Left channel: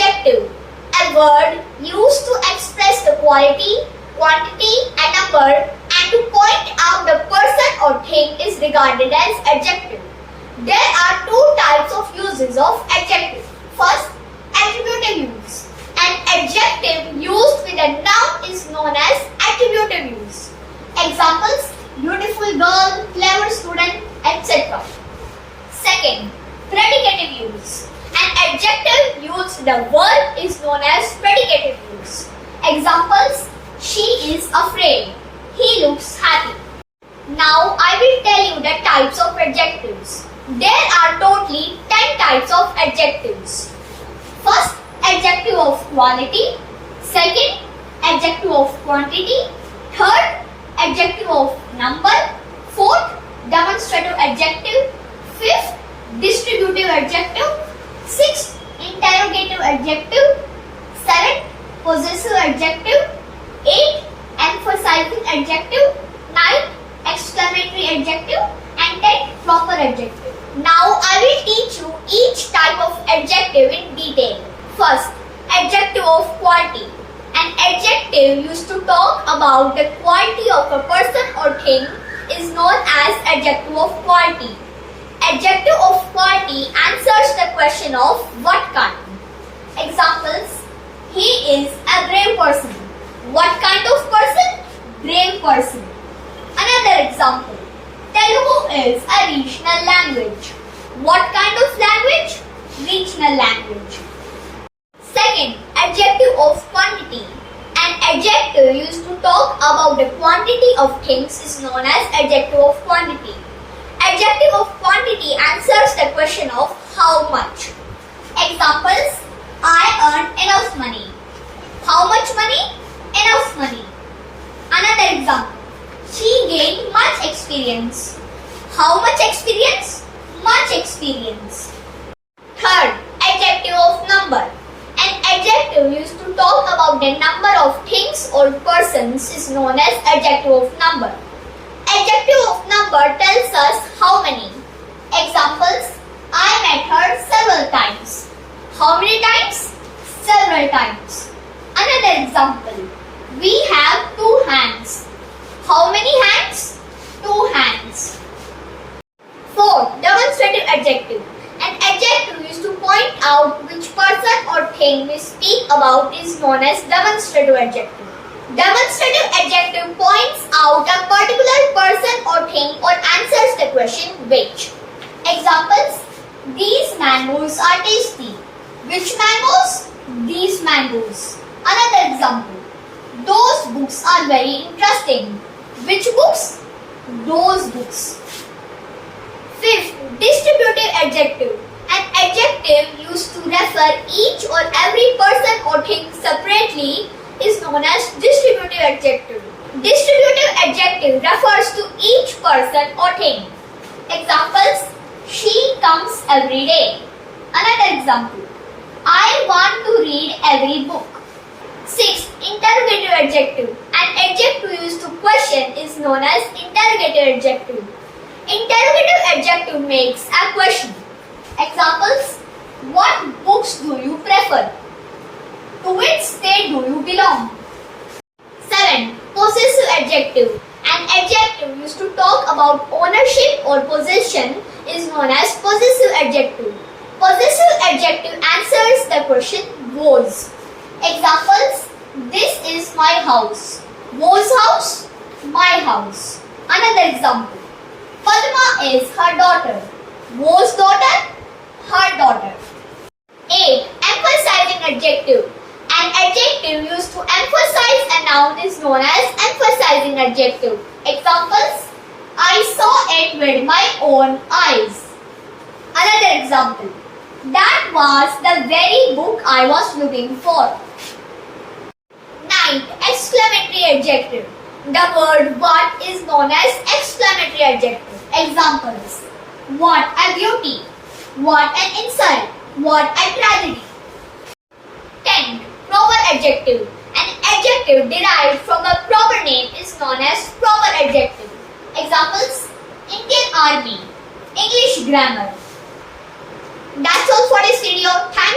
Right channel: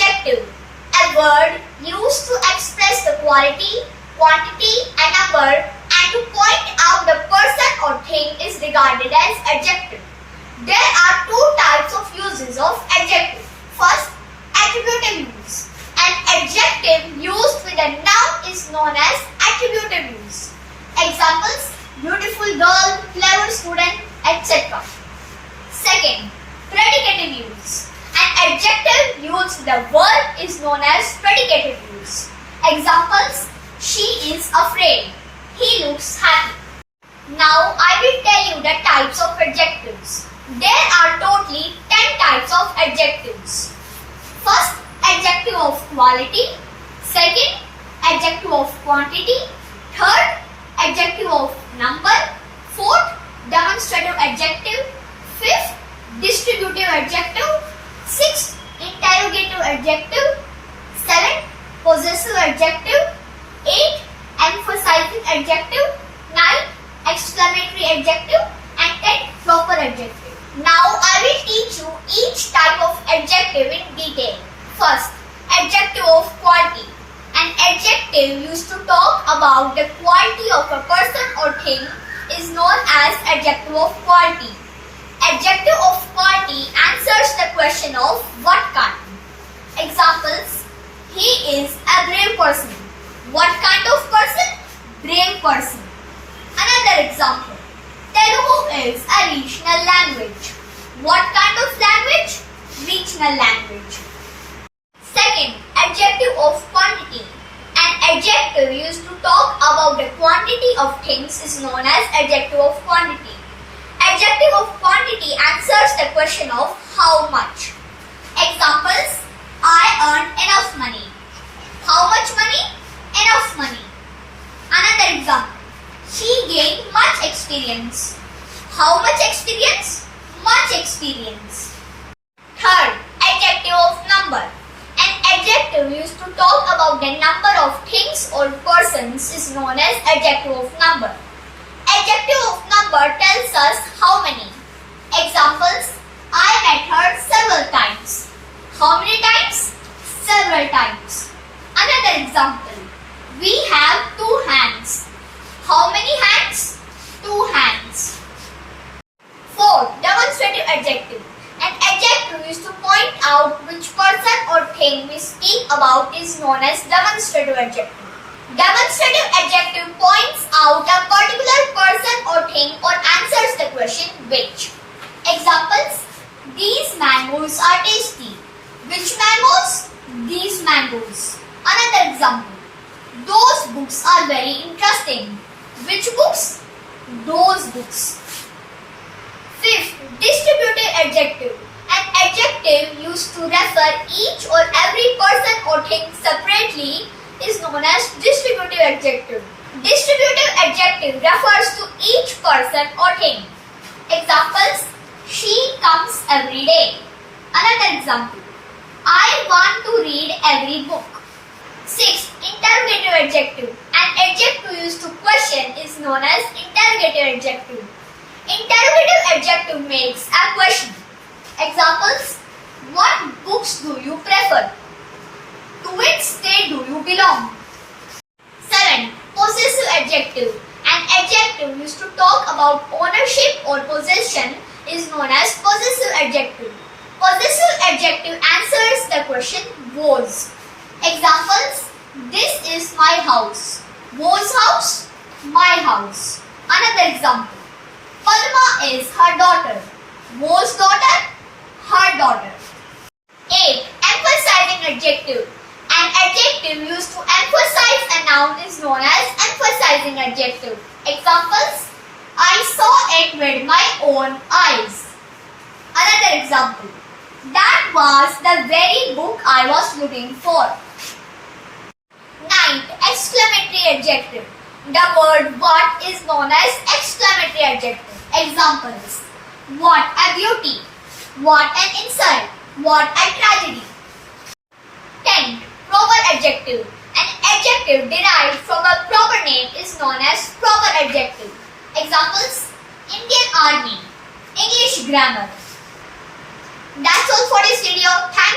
Adjective, a word used to express the quality, quantity and number and to point out the person or thing is regarded as adjective. There are two types of uses of adjective. First, attributive use. An adjective used with a noun is known as attributive use. Examples: beautiful girl, clever student, etc. Second, predicative use. An adjective used with a word is known as predicative use. Examples: she is afraid, he looks happy. Now I will tell you the types of adjectives. There are totally 10 types of adjectives. First, adjective of quality. Second, adjective of quantity. Third, adjective of number. Fourth, demonstrative adjective. Fifth, distributive adjective. Sixth, interrogative adjective. Seventh, possessive adjective. Eighth, emphasizing adjective. Ninth, exclamatory adjective. And tenth, proper adjective. Now I will teach you each type of adjective in detail. First, adjective of quality. An adjective used to talk about the quality of a person or thing is known as adjective of quality. Adjective of quality answers the question of what kind. Examples: he is a brave person. What kind of person? Brave person. Another example: Telugu is a regional language. What kind of language? Regional language. Second, adjective of quantity. An adjective used to talk about the quantity of things is known as adjective of quantity. Adjective of quantity answers the question of how much. Examples: I earned enough money. How much money? Enough money. Another example: she gained much experience. How much experience? Much experience. Third, adjective of number. An adjective used to talk about the number of things or persons is known as adjective of number. Adjective of number tells us how many. Examples: I met her several times. How many times? Several times. Another example: we have 2 hands. How many hands? 2 hands. Fourth, demonstrative adjective. An adjective used to point out which person or thing we speak about is known as demonstrative adjective. Demonstrative adjective points out a particular person or thing or answers the question which. Examples: these mangoes are tasty. Which mangoes? These mangoes. Another example: those books are very interesting. Which books? Those books. Fifth, distributive adjective. An adjective used to refer each or every person or thing separately is known as distributive adjective. Distributive adjective refers to each person or thing. Examples: she comes every day. Another example: I want to read every book. Sixth, interrogative adjective. An adjective used to question is known as interrogative adjective. Interrogative adjective makes a question. Examples: what books do you prefer? To which state do you belong? 7. Possessive adjective. An adjective used to talk about ownership or possession is known as possessive adjective. Possessive adjective answers the question was. Examples: this is my house. Was house? My house. Another example: Padma is her daughter. Was daughter? Her daughter. 8. Emphasizing adjective. An adjective used to emphasize a noun is known as emphasizing adjective. Examples: I saw it with my own eyes. Another example: that was the very book I was looking for. 9. Exclamatory adjective. The word what is known as exclamatory adjective. Examples: what a beauty. What an insult. What a tragedy. 10. Proper adjective. An adjective derived from a proper name is known as proper adjective. Examples: Indian Army, English grammar. That's all for this video. Thank